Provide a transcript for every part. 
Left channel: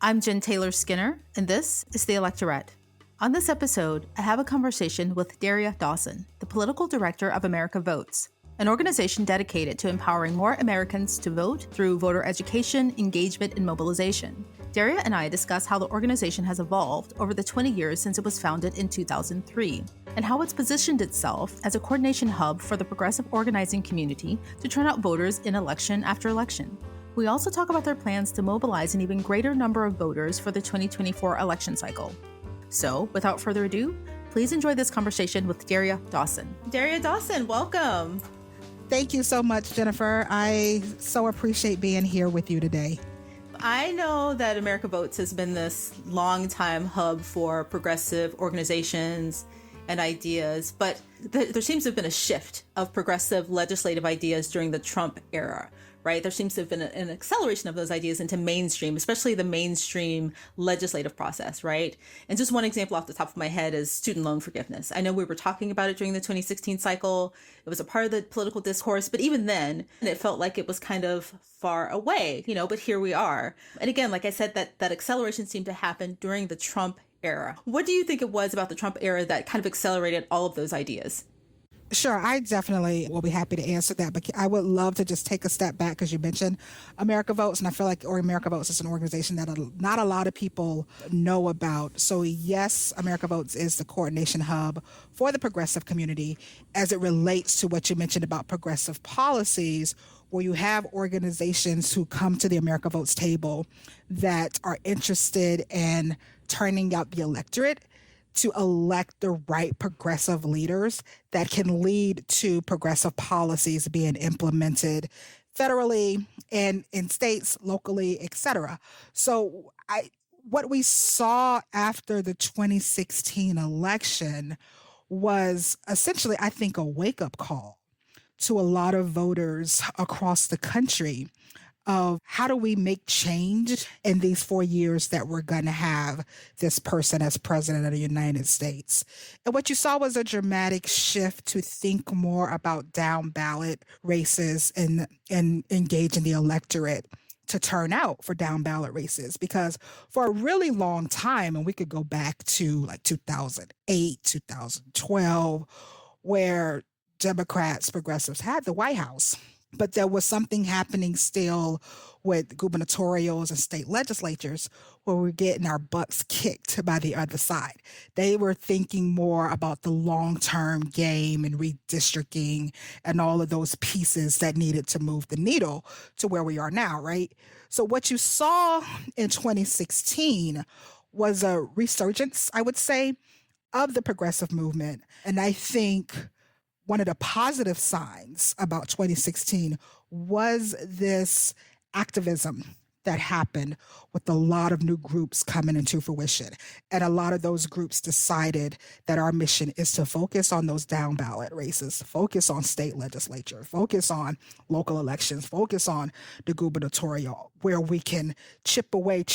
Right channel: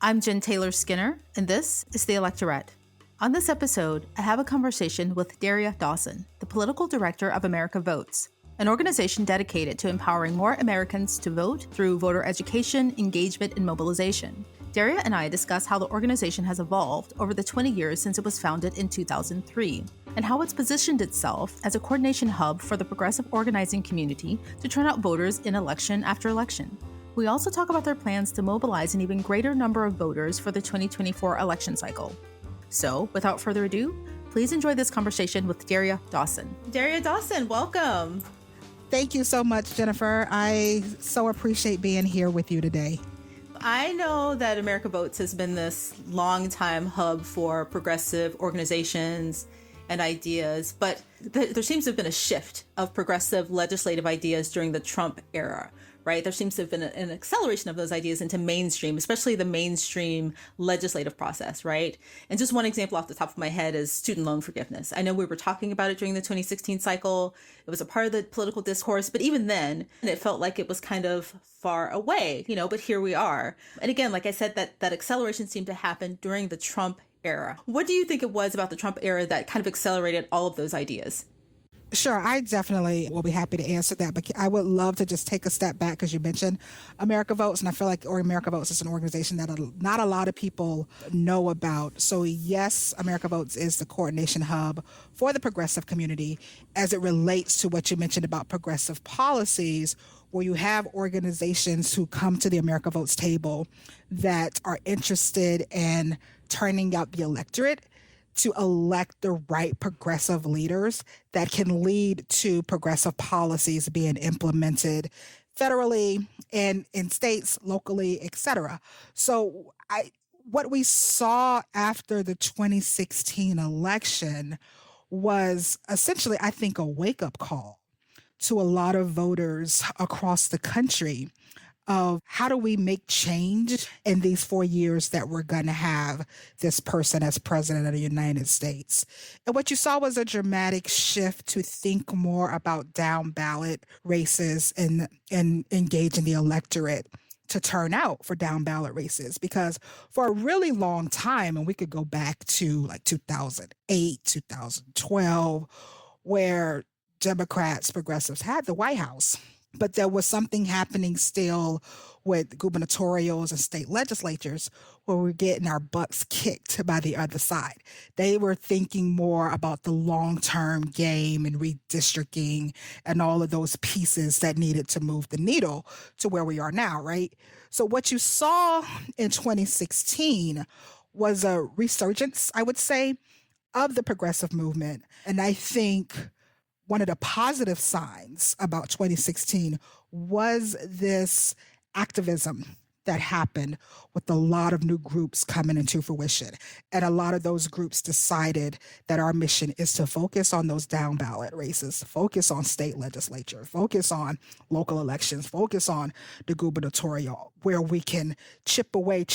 I'm Jen Taylor Skinner, and this is the Electorette. On this episode, I have a conversation with Daria Dawson, the political director of America Votes, an organization dedicated to empowering more Americans to vote through voter education, engagement, and mobilization. Daria and I discuss how the organization has evolved over the 20 years since it was founded in 2003, and how it's positioned itself as a coordination hub for the progressive organizing community to turn out voters in election after election. We also talk about their plans to mobilize an even greater number of voters for the 2024 election cycle. So, without further ado, please enjoy this conversation with Daria Dawson. Daria Dawson, welcome. Thank you so much, Jennifer. I so appreciate being here with you today. I know that America Votes has been this long-time hub for progressive organizations and ideas, but there seems to have been a shift of progressive legislative ideas during the Trump era. Right? There seems to have been an acceleration of those ideas into mainstream, especially the mainstream legislative process, right? And just one example off the top of my head is student loan forgiveness. I know we were talking about it during the 2016 cycle. It was a part of the political discourse, but even then, it felt like it was kind of far away, but here we are. And again, like I said, that acceleration seemed to happen during the Trump era. What do you think it was about the Trump era that kind of accelerated all of those ideas? Sure, I definitely will be happy to answer that, but I would love to just take a step back because you mentioned America Votes, and I feel like America Votes is an organization that not a lot of people know about. So yes, America Votes is the coordination hub for the progressive community as it relates to what you mentioned about progressive policies, where you have organizations who come to the America Votes table that are interested in turning out the electorate to elect the right progressive leaders that can lead to progressive policies being implemented federally and in states, locally, etc. So what we saw after the 2016 election was essentially, I think, a wake-up call to a lot of voters across the country of how do we make change in these 4 years that we're going to have this person as president of the United States. And what you saw was a dramatic shift to think more about down ballot races and engaging the electorate to turn out for down ballot races. Because for a really long time, and we could go back to like 2008, 2012, where Democrats, progressives had the White House. But there was something happening still with gubernatorials and state legislatures where we're getting our butts kicked by the other side. They were thinking more about the long-term game and redistricting and all of those pieces that needed to move the needle to where we are now, right? So what you saw in 2016 was a resurgence, I would say, of the progressive movement. And I think one of the positive signs about 2016 was this activism that happened with a lot of new groups coming into fruition. And a lot of those groups decided that our mission is to focus on those down ballot races, focus on state legislature, focus on local elections, focus on the gubernatorial, where we can chip away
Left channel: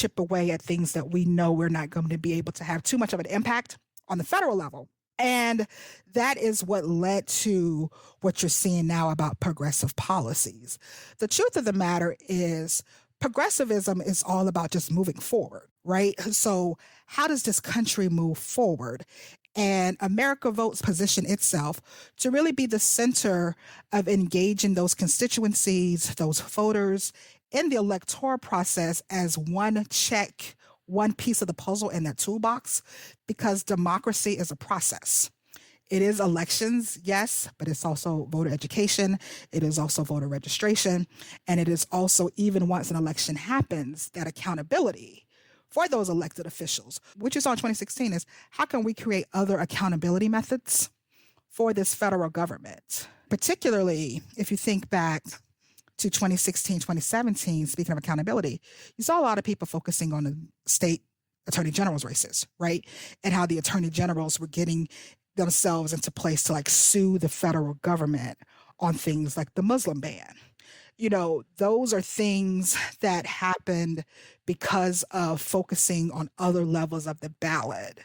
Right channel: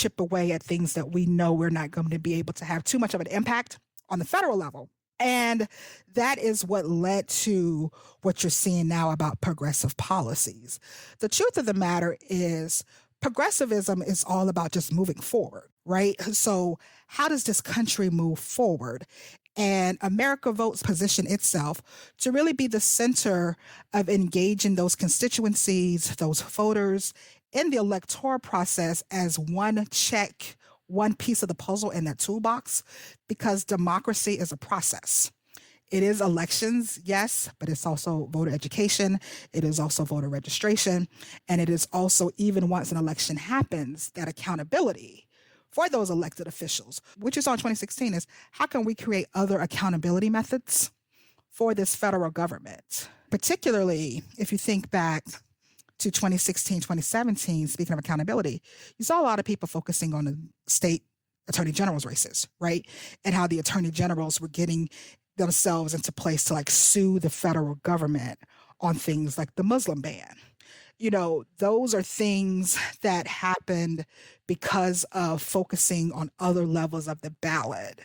at things that we know we're not going to be able to have too much of an impact on the federal level. And that is what led to what you're seeing now about progressive policies. The truth of the matter is progressivism is all about just moving forward, right? So how does this country move forward? And America Votes position itself to really be the center of engaging those constituencies, those voters in the electoral process as one piece of the puzzle in that toolbox, because democracy is a process. It is elections, yes, but it's also voter education. It is also voter registration. And it is also, even once an election happens, that accountability for those elected officials. What you saw in 2016 is how can we create other accountability methods for this federal government? Particularly if you think back to 2016, 2017, speaking of accountability, you saw a lot of people focusing on the state attorney general's races, right? And how the attorney generals were getting themselves into place to sue the federal government on things like the Muslim ban. Those are things that happened because of focusing on other levels of the ballot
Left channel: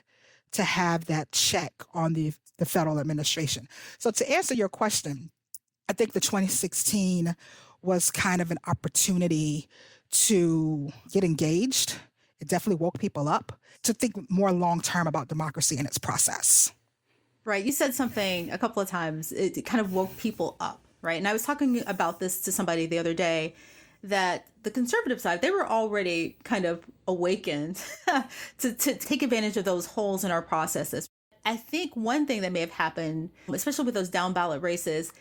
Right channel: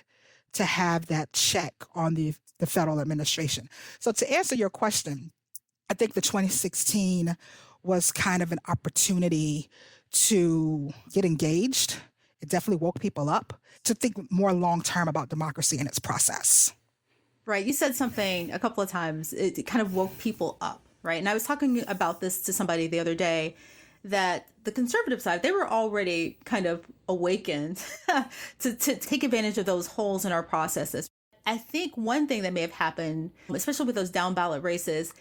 to have that check on the federal administration. So to answer your question, I think the 2016 was kind of an opportunity to get engaged. It definitely woke people up to think more long term about democracy and its process. Right. You said something a couple of times. It kind of woke people up, right? And I was talking about this to somebody the other day, that the conservative side, they were already kind of awakened to take advantage of those holes in our processes. I think one thing that may have happened, especially with those down ballot races,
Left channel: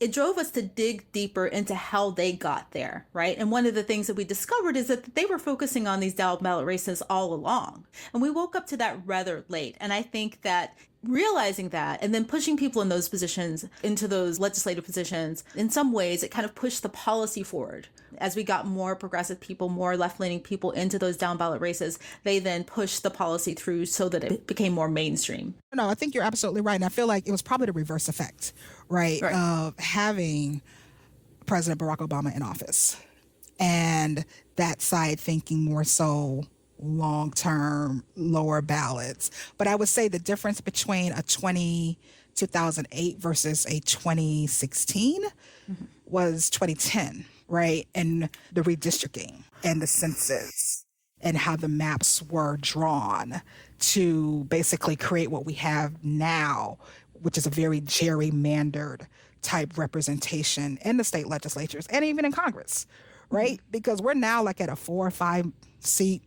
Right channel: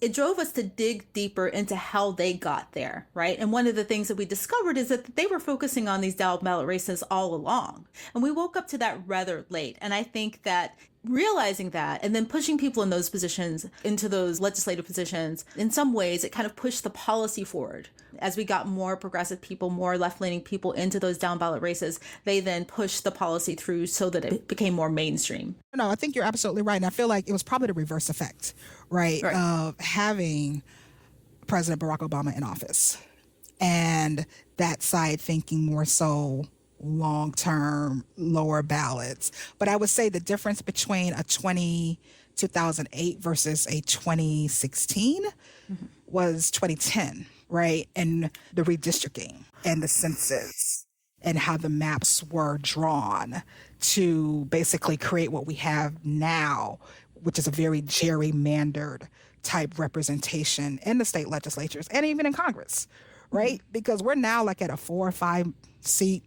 it drove us to dig deeper into how they got there, right? And one of the things that we discovered is that they were focusing on these down ballot races all along. And we woke up to that rather late. And I think that realizing that and then pushing people in those positions, into those legislative positions, in some ways, it kind of pushed the policy forward. As we got more progressive people, more left-leaning people into those down ballot races, they then pushed the policy through so that it became more mainstream. No, I think you're absolutely right. And I feel like it was probably the reverse effect, right? Of having President Barack Obama in office and that side thinking more so long-term, lower ballots. But I would say the difference between a 2008 versus a 2016 was 2010, right? And the redistricting and the census and how the maps were drawn to basically create what we have now, which is a very gerrymandered type representation in the state legislatures and even in Congress, right? Because we're now like at a 4 or 5 seat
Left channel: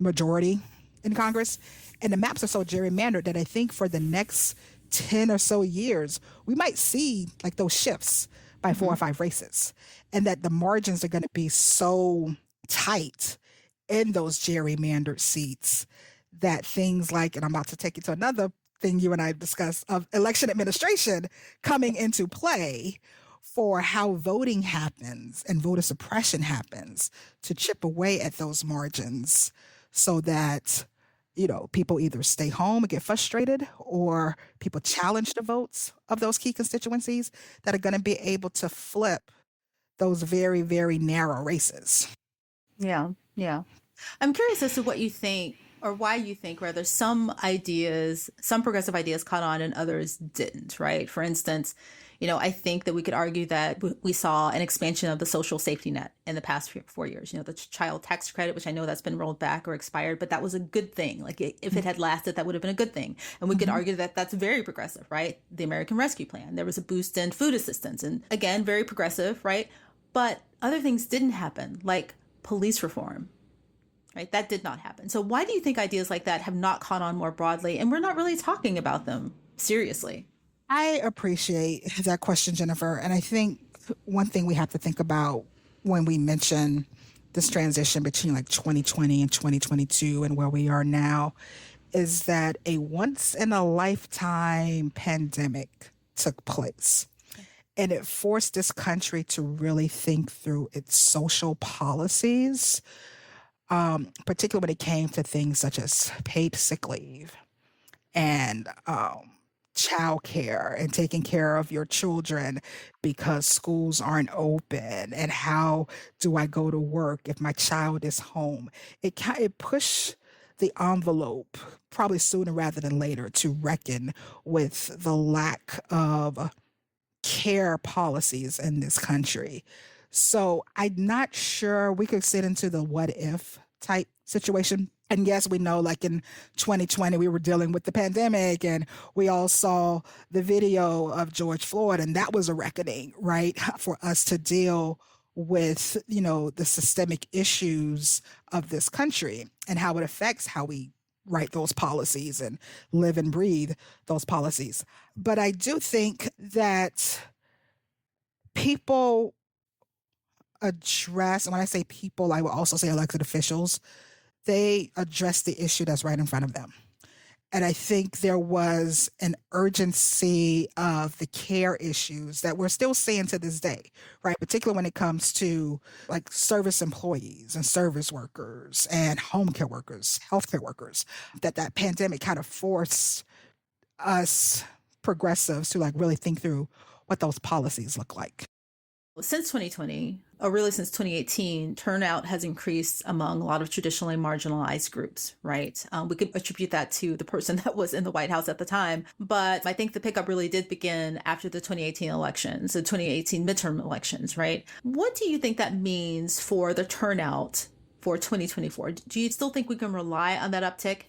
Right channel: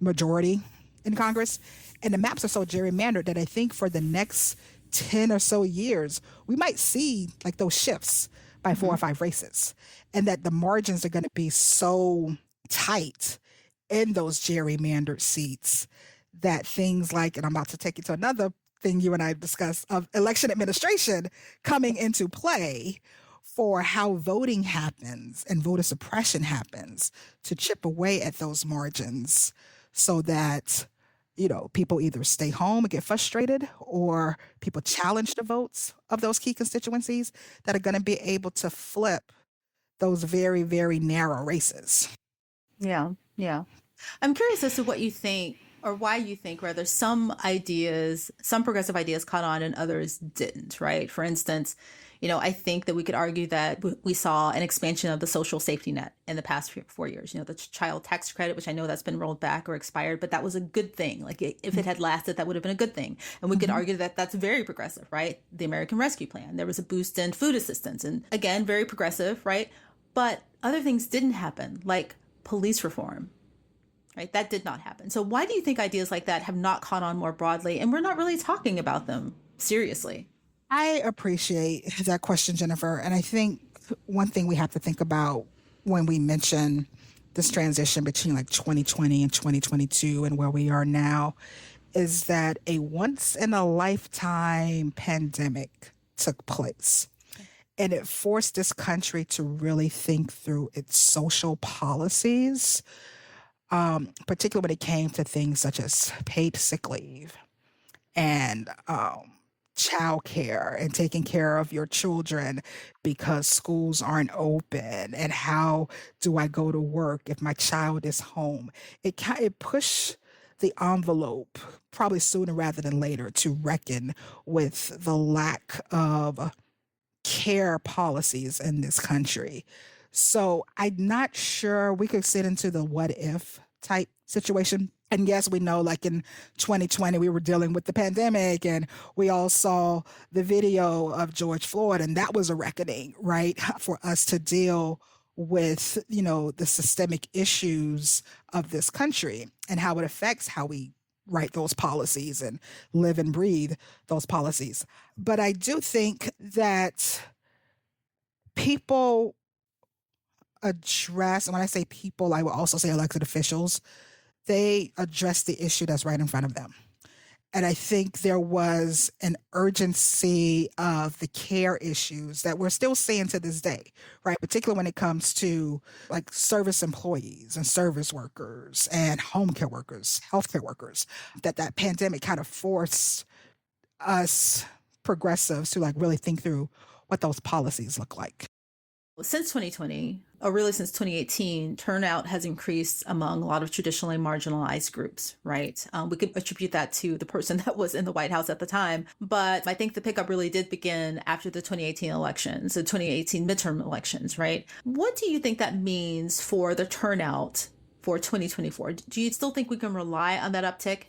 majority in Congress, and the maps are so gerrymandered that I think for the next 10 or so years, we might see like those shifts by 4 or 5 races, and that the margins are going to be so tight in those gerrymandered seats that things like, and I'm about to take you to another thing you and I discussed, of election administration coming into play for how voting happens and voter suppression happens to chip away at those margins so that, you know, people either stay home and get frustrated, or people challenge the votes of those key constituencies that are going to be able to flip those very, very narrow races. Yeah, yeah. I'm curious as to what you think, or why you think, rather, some ideas, some progressive ideas caught on and others didn't, right? For instance, you know, I think that we could argue that we saw an expansion of the social safety net in the past 4 years. You know, the child tax credit, which I know that's been rolled back or expired, but that was a good thing. Like, if it had lasted, that would have been a good thing. And we could argue that that's very progressive, right? The American Rescue Plan, there was a boost in food assistance, and again, very progressive, right? But other things didn't happen, like police reform, right? That did not happen. So why do you think ideas like that have not caught on more broadly, and we're not really talking about them seriously? I appreciate that question, Jennifer. And I think one thing we have to think about when we mention this transition between like 2020 and 2022 and where we are now is that a once in a lifetime pandemic took place. And it forced this country to really think through its social policies, particularly when it came to things such as paid sick leave and childcare and taking care of your children because schools aren't open, and how do I go to work if my child is home. It pushed the envelope probably sooner rather than later to reckon with the lack of care policies in this country. So I'm not sure we could sit into the what if type situation. And yes, we know like in 2020, we were dealing with the pandemic, and we all saw the video of George Floyd, and that was a reckoning, right? For us to deal with, you know, the systemic issues of this country and how it affects how we write those policies and live and breathe those policies. But I do think that people address, and when I say people, I will also say elected officials, they address the issue that's right in front of them. And I think there was an urgency of the care issues that we're still seeing to this day, right? Particularly when it comes to like service employees and service workers and home care workers, healthcare workers, that pandemic kind of forced us progressives to like really think through what those policies look like. Since 2020, or really since 2018, turnout has increased among a lot of traditionally marginalized groups, right? We could attribute that to the person that was in the White House at the time. But I think the pickup really did begin after the 2018 elections, the 2018 midterm elections, right? What do you think that means for the turnout for 2024? Do you still think we can rely on that uptick?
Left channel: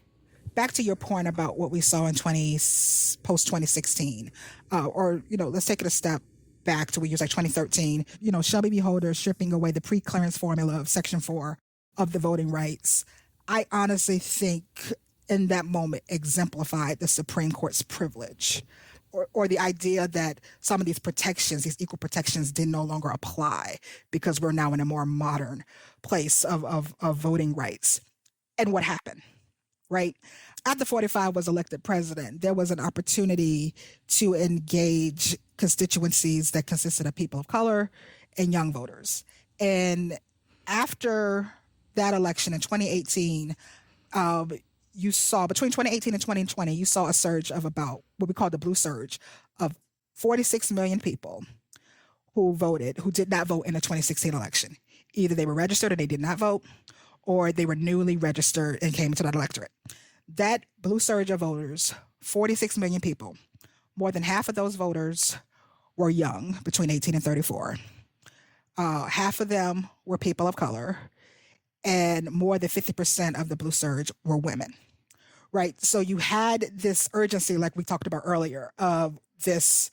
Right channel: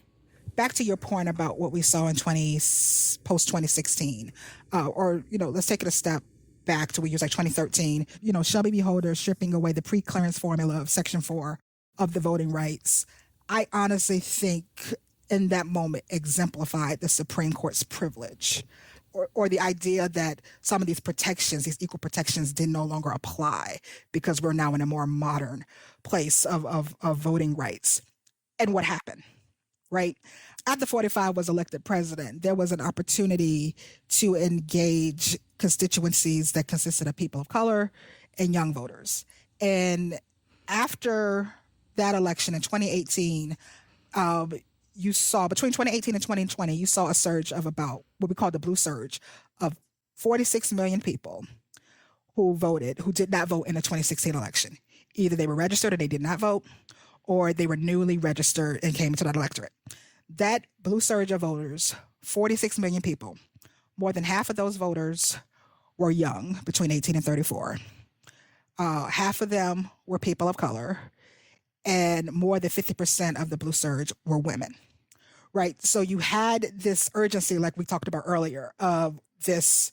Back to your point about what we saw in post 2016, or let's take it a step back to we use like 2013. Shelby v. Holder stripping away the pre-clearance formula of Section 4 of the voting rights. I honestly think in that moment exemplified the Supreme Court's privilege, or the idea that some of these protections, these equal protections, did no longer apply because we're now in a more modern place of voting rights. And what happened? Right? After 45 was elected president, there was an opportunity to engage constituencies that consisted of people of color and young voters. And after that election in 2018, you saw between 2018 and 2020, you saw a surge of about what we call the blue surge of 46 million people who did not vote in the 2016 election. Either they were registered and they did not vote, or they were newly registered and came into that electorate. That blue surge of voters, 46 million people, more than half of those voters were young, between 18 and 34. Half of them were people of color, and more than 50% of the blue surge were women, right? So you had this urgency, like we talked about earlier, of this,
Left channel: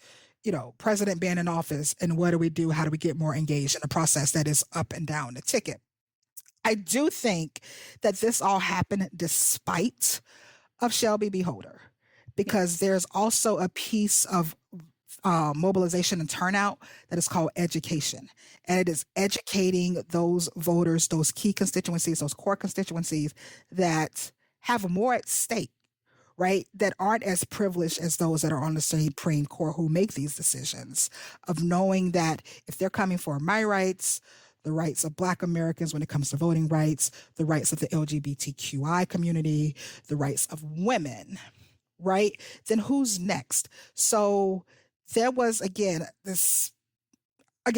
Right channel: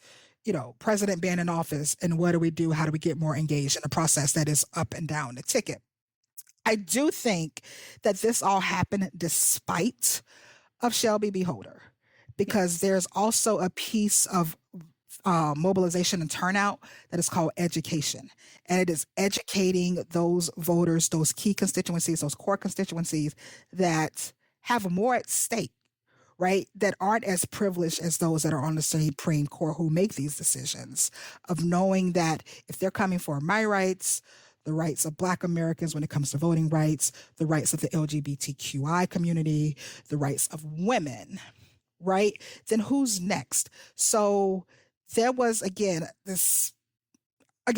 president being in office, and what do we do? How do we get more engaged in a process that is up and down the ticket? I do think that this all happened despite of Shelby v. Holder, because there's also a piece of mobilization and turnout that is called education. And it is educating those voters, those key constituencies, those core constituencies that have more at stake, right? That aren't as privileged as those that are on the Supreme Court who make these decisions, of knowing that if they're coming for my rights, the rights of Black Americans when it comes to voting rights, the rights of the LGBTQI community, the rights of women, right? Then who's next? So there was, again,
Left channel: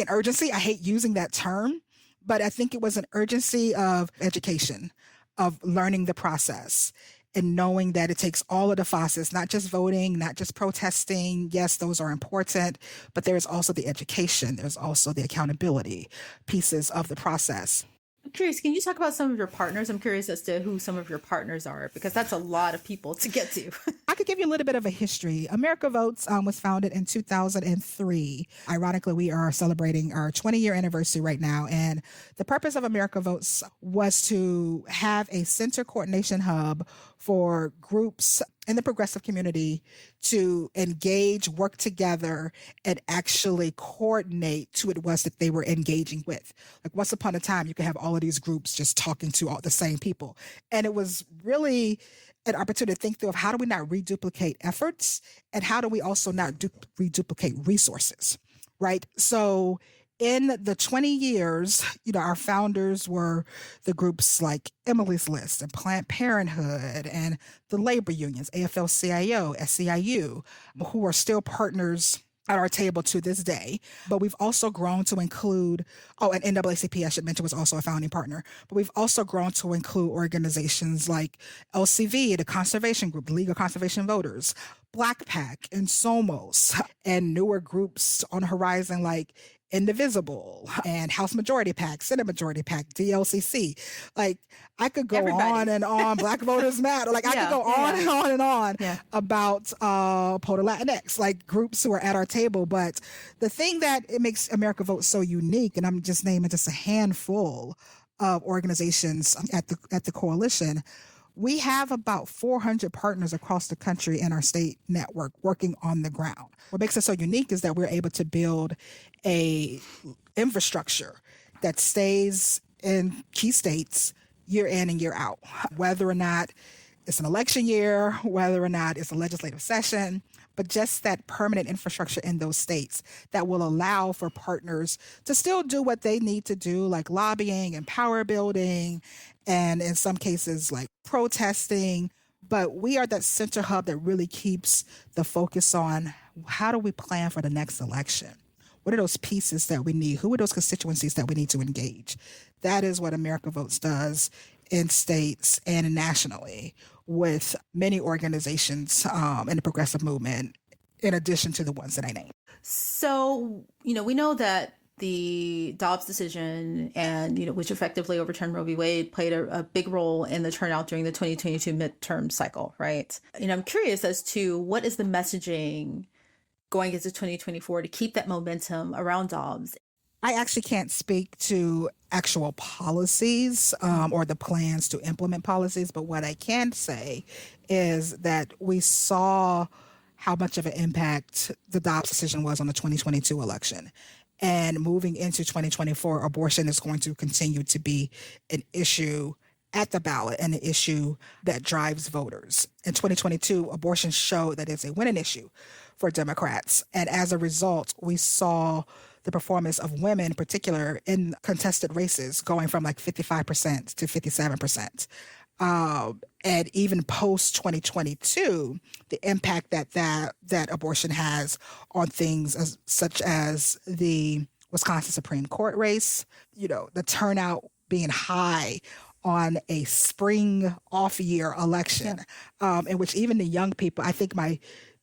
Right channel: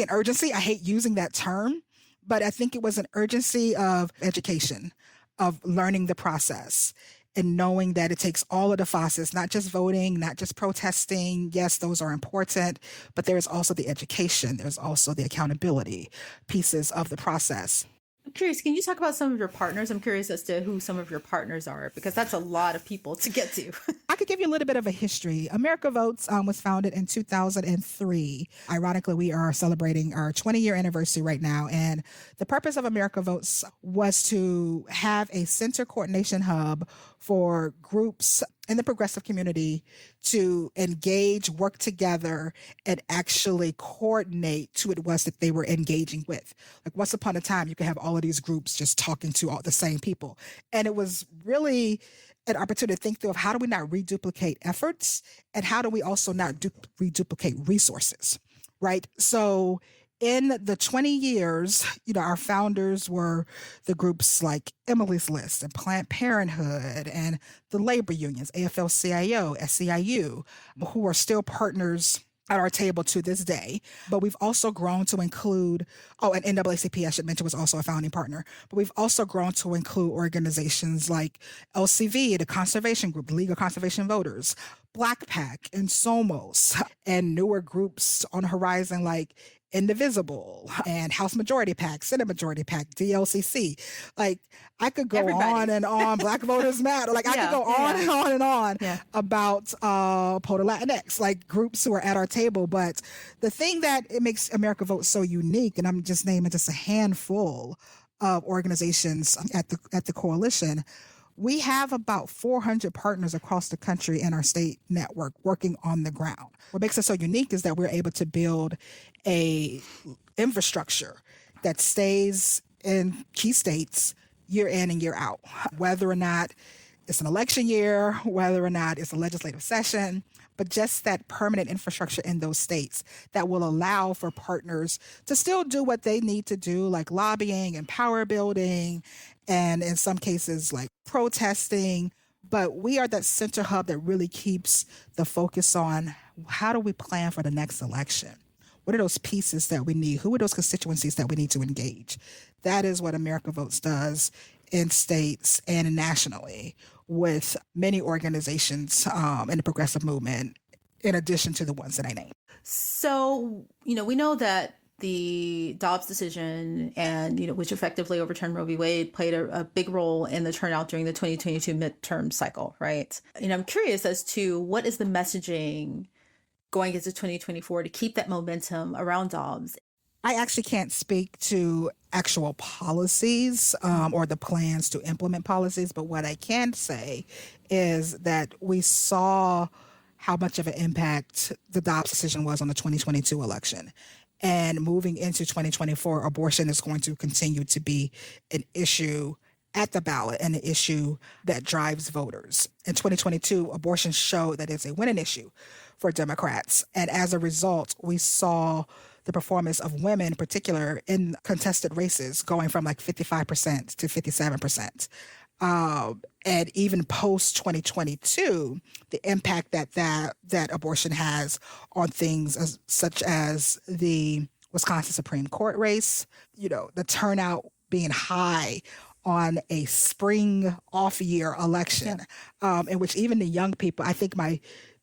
urgency. I hate using that term, but I think it was an urgency of education, of learning the process, and knowing that it takes all of the facets, not just voting, not just protesting. Yes, those are important, but there's also the education. There's also the accountability pieces of the process. I'm curious, can you talk about some of your partners? I'm curious as to who some of your partners are, because that's a lot of people to get to. I could give you a little bit of a history. America Votes was founded in 2003. Ironically, we are celebrating our 20-year anniversary right now. And the purpose of America Votes was to have a center coordination hub for groups in the progressive community to engage, work together, and actually coordinate to what it was that they were engaging with. Like once upon a time, you could have all of these groups just talking to all the same people. And it was really an opportunity to think through of how do we not reduplicate efforts, and how do we also not reduplicate resources, right? So in the 20 years, our founders were the groups like Emily's List and Planned Parenthood and the labor unions, AFL-CIO, SEIU, who are still partners at our table to this day. But we've also grown to include, and NAACP, I should mention, was also a founding partner. But we've also grown to include organizations like LCV, the Conservation Group, the League of Conservation Voters, Black PAC, and SOMOS, and newer groups on the horizon like Indivisible and House Majority PAC, Senate Majority PAC, DLCC. Like I could go on and on. Black Voters Matter. Like I could go on and on and on about Polar Latinx, like groups who are at our table. But the thing that it makes America Vote so unique, and I'm just naming just a handful of organizations at the coalition. We have about 400 partners across the country in our state network working on the ground. What makes us so unique is that we're able to build a infrastructure that stays in key states year in and year out, whether or not it's an election year, whether or not it's a legislative session, but just that permanent infrastructure in those states that will allow for partners to still do what they need to do, like lobbying and power building, and in some cases like protesting. But we are that center hub that really keeps the focus on how do we plan for the next election? What are those pieces that we need? Who are those constituencies that we need to engage? That is what America Votes does in states and nationally with many organizations in the progressive movement, in addition to the ones that I named. So, we know that the Dobbs decision and, which effectively overturned Roe v. Wade, played a big role in the turnout during the 2022 midterm cycle, right? I'm curious as to what is the messaging going into 2024 to keep that momentum around Dobbs. I actually can't speak to actual policies or the plans to implement policies, but what I can say is that we saw how much of an impact the Dobbs decision was on the 2022 election. And moving into 2024, abortion is going to continue to be an issue at the ballot and an issue that drives voters. In 2022, abortion showed that it's a winning issue for Democrats. And as a result, we saw the performance of women in particular in contested races going from like 55% to 57%. And even post 2022, the impact that abortion has on things such as the Wisconsin Supreme Court race, the turnout being high on a spring off year election, in which even the young people, I think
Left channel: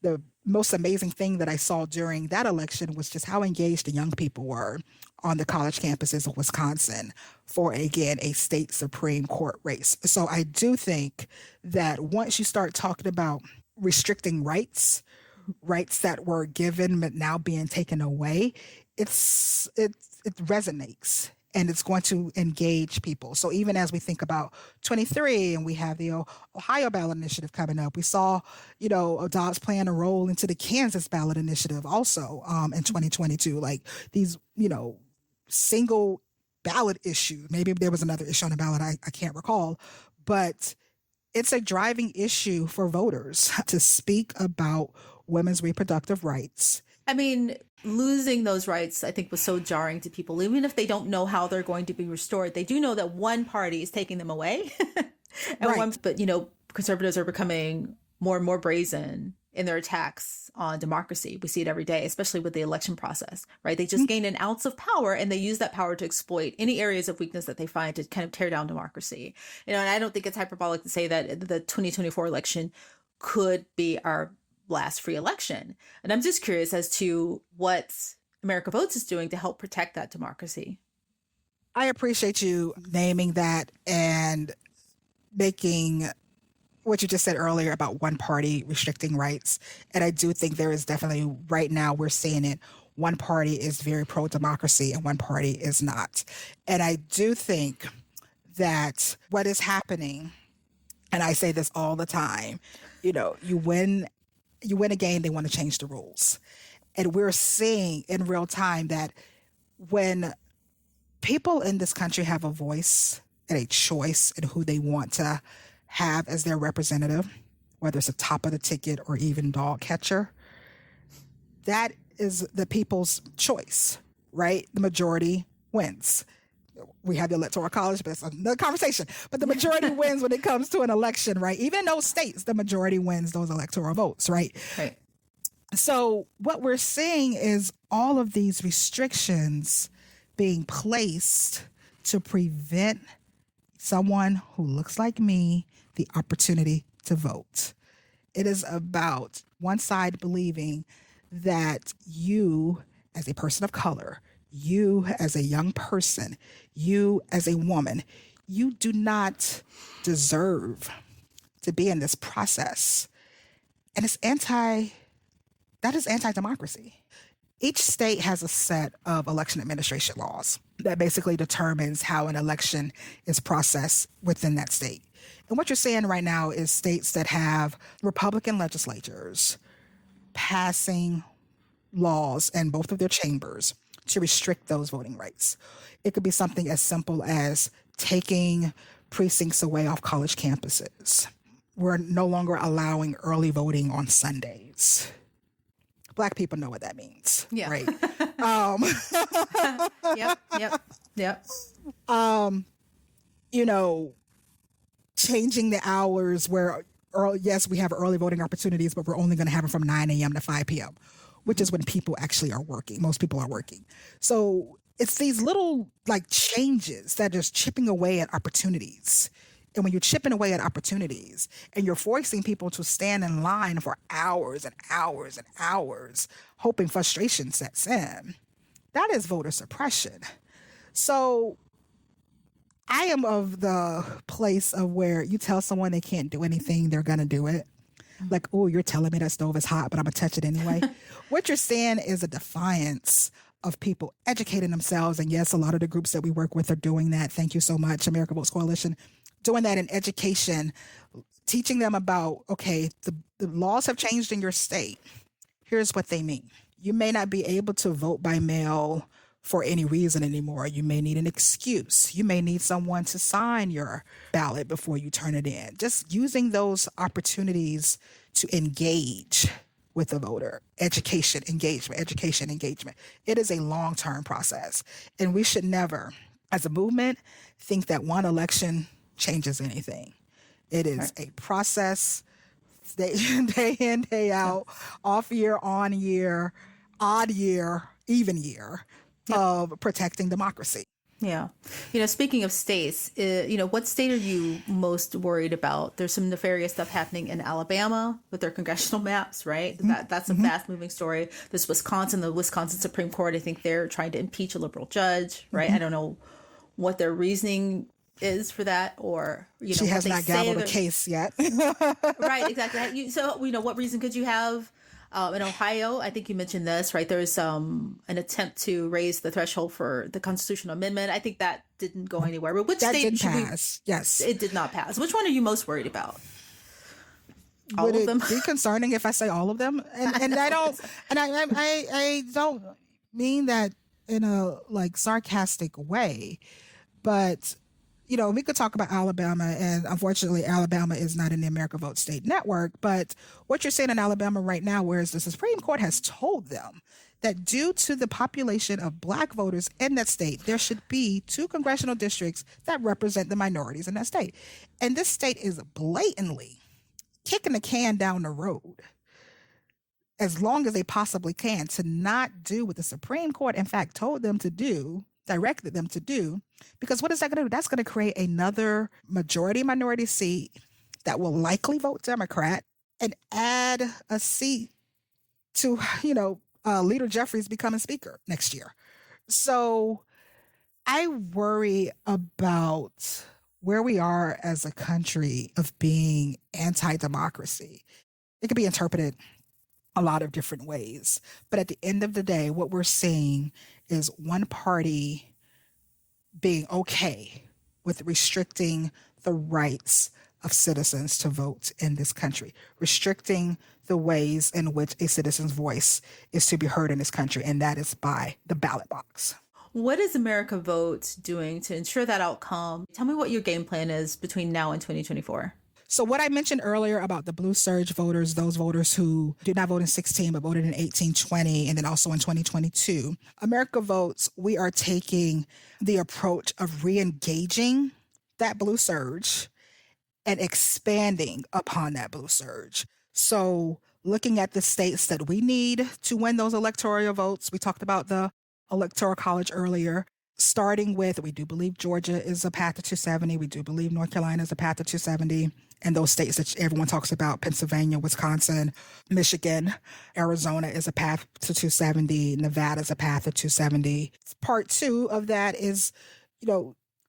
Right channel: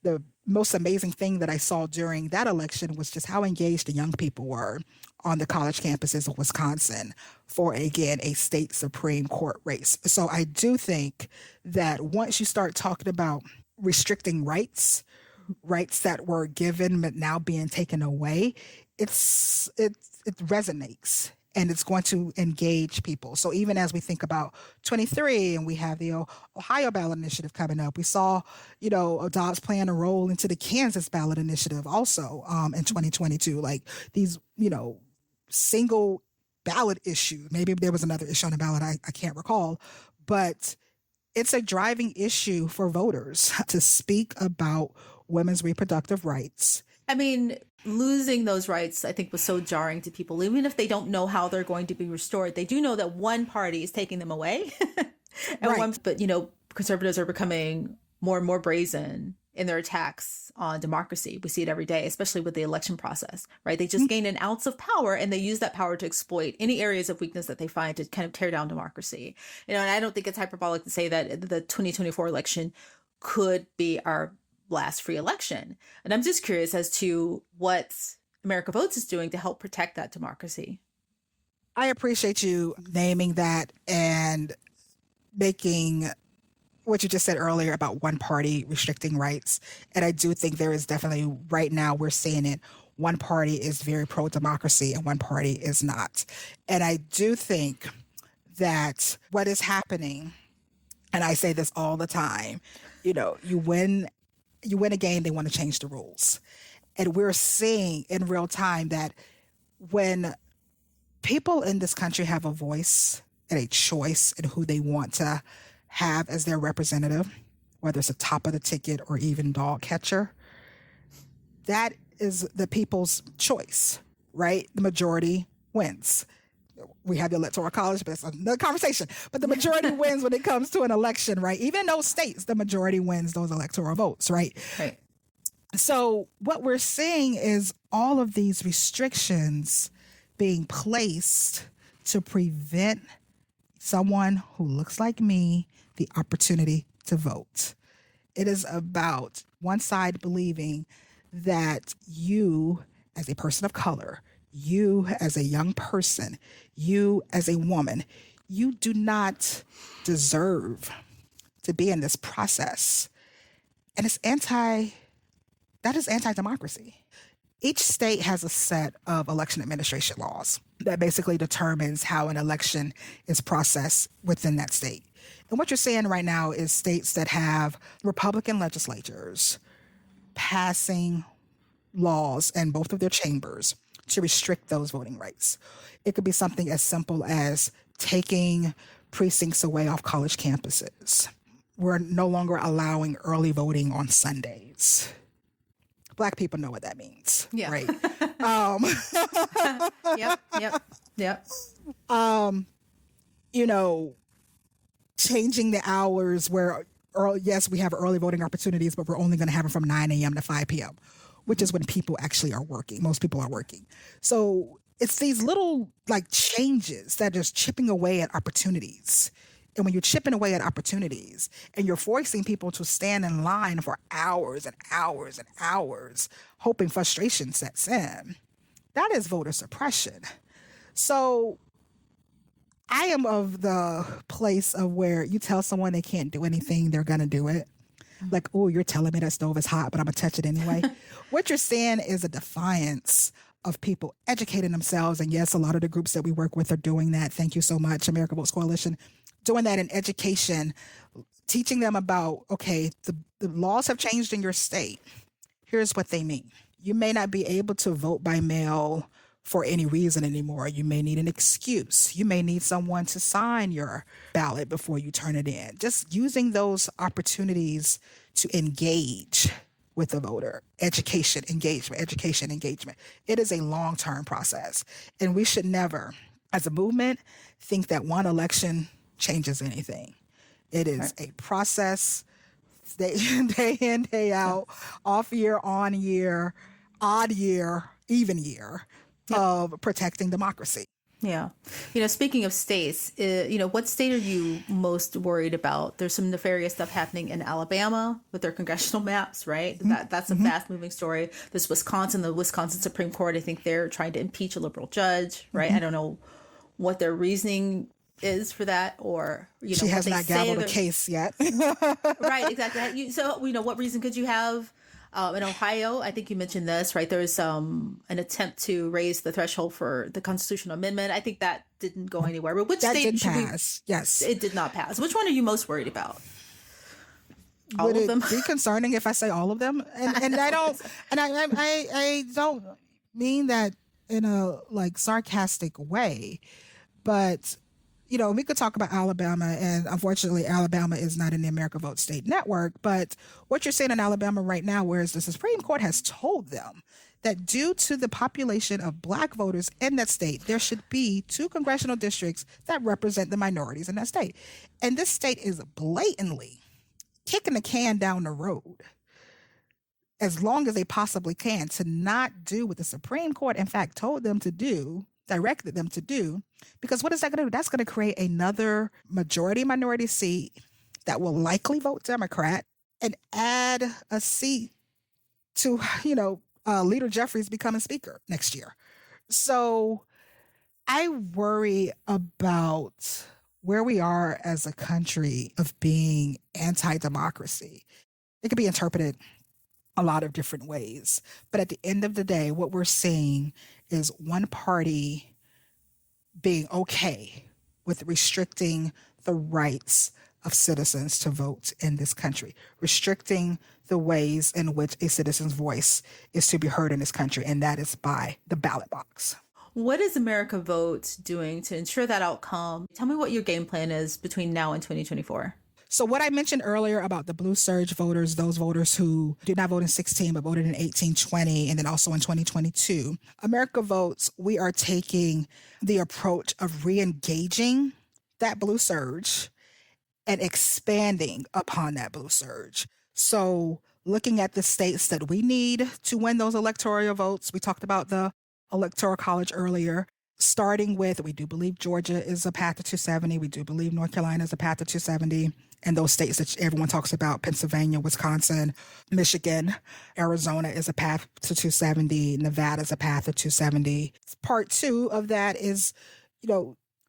the most amazing thing that I saw during that election was just how engaged the young people were on the college campuses of Wisconsin for, again, a state Supreme Court race. So I do think that once you start talking about restricting rights that were given but now being taken away, it resonates. And it's going to engage people. So even as we think about 23 and we have the Ohio ballot initiative coming up, we saw, Dobbs playing a role into the Kansas ballot initiative also in 2022. Like these, single ballot issue. Maybe there was another issue on the ballot, I can't recall. But it's a driving issue for voters to speak about women's reproductive rights. I mean, losing those rights, I think, was so jarring to people. Even if they don't know how they're going to be restored, they do know that one party is taking them away. But conservatives are becoming more and more brazen in their attacks on democracy. We see it every day, especially with the election process, right? They just gain an ounce of power and they use that power to exploit any areas of weakness that they find to kind of tear down democracy. And I don't think it's hyperbolic to say that the 2024 election could be our last free election. And I'm just curious as to what America Votes is doing to help protect that democracy. I appreciate you naming that and making what you just said earlier about one party restricting rights. And I do think there is definitely, right now we're seeing it, one party is very pro-democracy and one party is not. And I do think that what is happening, and I say this all the time, you win a game, they want to change the rules. And we're seeing in real time that when people in this country have a voice and a choice in who they want to have as their representative, whether it's a top of the ticket or even dog catcher, that is the people's choice, right? The majority wins. We have the Electoral College, but it's another conversation. But the majority wins when it comes to an election, right? Even in those states, the majority wins those electoral votes, right? Right. So what we're seeing is all of these restrictions being placed to prevent someone who looks like me the opportunity to vote. It is about one side believing that you, as a person of color, you as a young person, you as a woman, you do not deserve to be in this process. And that is anti-democracy. Each state has a set of election administration laws that basically determines how an election is processed within that state. And what you're seeing right now is states that have Republican legislatures passing laws in both of their chambers to restrict those voting rights. It could be something as simple as taking precincts away off college campuses. We're no longer allowing early voting on Sundays. Black people know what that means, right? Yep. Changing the hours where, yes, we have early voting opportunities, but we're only going to have it from 9 a.m. to 5 p.m., which is when people actually are working. Most people are working. So it's these little changes that are just chipping away at opportunities. And when you're chipping away at opportunities and you're forcing people to stand in line for hours and hours and hours, hoping frustration sets in, That is voter suppression. So I am of the place of where you tell someone they can't do anything, they're going to do it. Like, oh, you're telling me that stove is hot, but I'm going to touch it anyway. What you're saying is a defiance of people educating themselves. And yes, a lot of the groups that we work with are doing that. Thank you so much, America Votes Coalition, doing that in education, teaching them about, okay, the laws have changed in your state. Here's what they mean. You may not be able to vote by mail for any reason anymore. You may need an excuse. You may need someone to sign your ballot before you turn it in. Just using those opportunities to engage with the voter. Education, engagement, education, engagement. It is a long-term process. And we should never, as a movement, think that one election changes anything. It is a process, day in, day out, off year, on year, odd year, even year, of protecting democracy. Yeah. Speaking of states, what state are you most worried about? There's some nefarious stuff happening in Alabama with their congressional maps, right? That's a fast moving story. The Wisconsin Supreme Court, I think they're trying to impeach a liberal judge, right? I don't know what their reasoning is for that, or she has not gavelled a case yet. Right, exactly. So what reason could you have? In Ohio, I think you mentioned this, right? There's an attempt to raise the threshold for the constitutional amendment. I think that didn't go anywhere. But which state did pass? Yes, it did not pass. Which one are you most worried about? All of them? Would it be concerning if I say all of them? And I don't, and I don't mean that in a sarcastic way, but we could talk about Alabama, and unfortunately, Alabama is not in the America Vote State Network. But what you're saying in Alabama right now, whereas the Supreme Court has told them that due to the population of Black voters in that state, there should be 2 congressional districts that represent the minorities in that state. And this state is blatantly kicking the can down the road as long as they possibly can to not do what the Supreme Court, in fact, told them to do, directed them to do, because what is that going to do? That's going to create another majority minority seat that will likely vote Democrat and add a seat to, Leader Jeffries becoming speaker next year. So I worry about where we are as a country of being anti-democracy. It could be interpreted a lot of different ways, but at the end of the day, what we're seeing is one party being okay with restricting the rights of citizens to vote in this country, restricting the ways in which a citizen's voice is to be heard in this country, and that is by the ballot box. What is America Vote doing to ensure that outcome? Tell me what your game plan is between now and 2024. So what I mentioned earlier about the blue surge voters, those voters who did not vote in 16 but voted in 18, 20, and then also in 2022, America Votes, we are taking the approach of re-engaging that blue surge and expanding upon that blue surge. So looking at the states that we need to win those electoral votes, we talked about the Electoral College earlier, starting with, we do believe Georgia is a path to 270. We do believe North Carolina is a path to 270. And those states that everyone talks about, Pennsylvania, Wisconsin, Michigan, Arizona is a path to 270. Nevada is a path to 270. Part 2 of that is,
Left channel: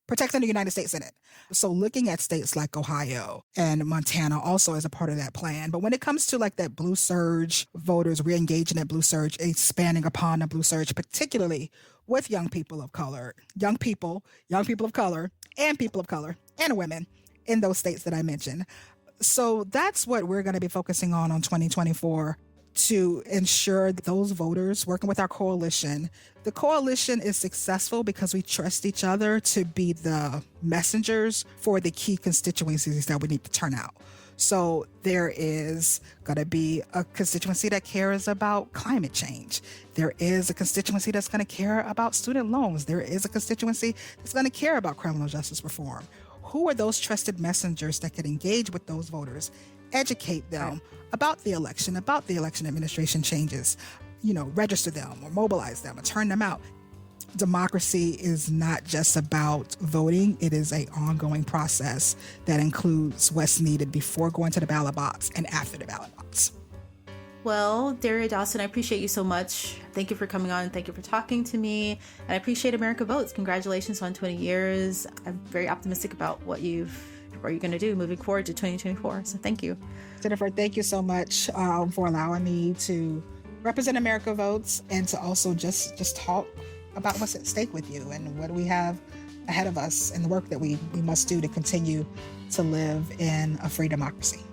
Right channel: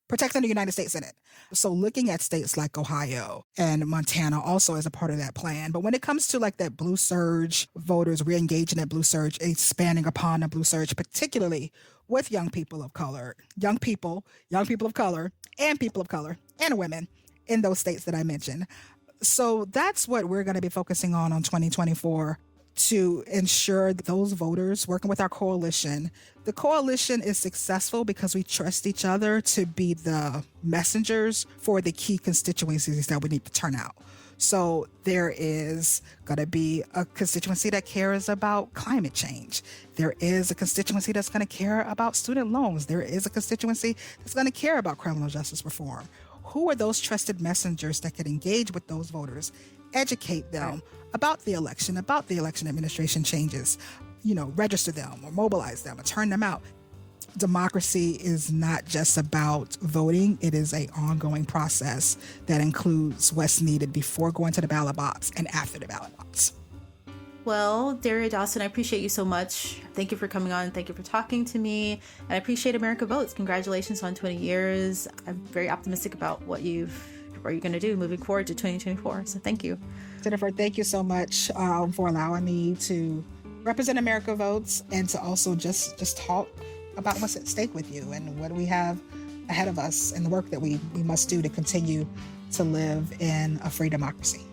protecting the United States Senate. So looking at states like Ohio and Montana also as a part of that plan. But when it comes to that blue surge, voters re-engaging that blue surge, expanding upon the blue surge, particularly with young people of color, young people of color, and women in those states that I mentioned. So that's what we're going to be focusing on 2024 to ensure that those voters, working with our coalition, the coalition is successful because we trust each other to be the messengers for the key constituencies that we need to turn out. So there is going to be a constituency that cares about climate change. There is a constituency that's going to care about student loans. There is a constituency that's going to care about criminal justice reform. Who are those trusted messengers that can engage with those voters, educate them about the election administration changes, register them or mobilize them or turn them out? Democracy is not just about voting. It is an ongoing process that includes what's needed before going to the ballot box and after the ballot box. Well, Daria Dawson, I appreciate you so much. Thank you for coming on. Thank you for talking to me. And I appreciate America Votes. Congratulations on 20 years. I'm very optimistic about what you're going to do moving forward to 2024. So thank you. Jennifer, thank you so much for allowing me to represent America Votes and to also just talk about what's at stake with you and what we have ahead of us and the work that we must do to continue to live in a free democracy.